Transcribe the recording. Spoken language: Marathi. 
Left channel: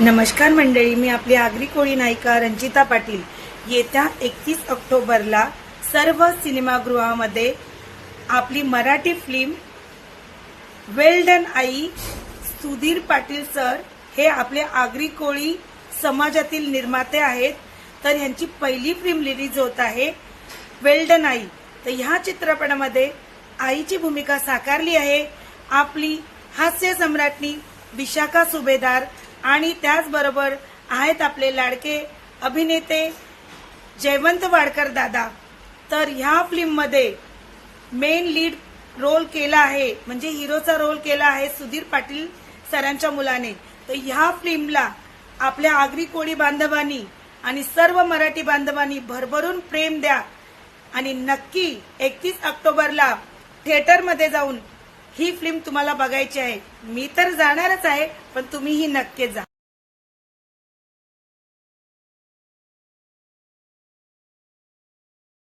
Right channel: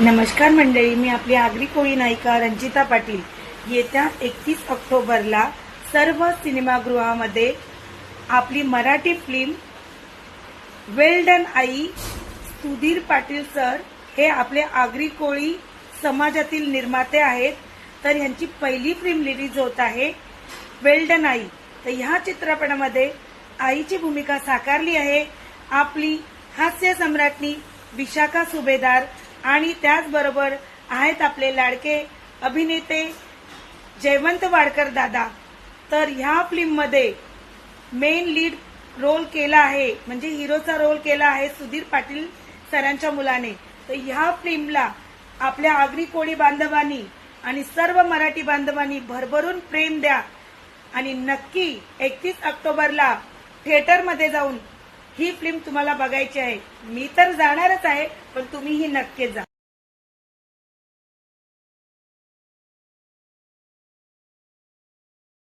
नमस्कार मंडळी, मी आपली आगरी कोळी नायिका रंजिता पाटील। येत्या 31 ऑक्टोबरला सर्व सिनेमागृहामध्ये आपली Marathi film well done I Sudhir Patil sir हे आपले आगरी कोळी समाजातील निर्माते आहेत। तर यांची पहिली फिल्म रिलीज होत आहे वेल डन आई। तर ह्या चित्रपटामध्ये आईची भूमिका साकारली आहे आपली हास्य सम्राज्ञी विशाखा सुभेदार आणि त्याचबरोबर आहेत आपले लाडके अभिनेते जयवंत वाडकर दादा। तर ह्या फिल्म मध्ये मेन लीड रोल केला आहे म्हणजे हिरोचा रोल केला आहे सुधीर पाटील सरांच्या मुलाने। तर ह्या फिल्मला आपल्या आगरी कोळी बांधवांनी आणि सर्व मराठी बांधवांनी भरभरून प्रेम द्या आणि नक्की 31 ऑक्टोबरला थिएटरमध्ये जाऊन ही फिल्म तुम्हाला बघायची आहे। मी तर जाणारच आहे, पण तुम्हीही नक्की जा।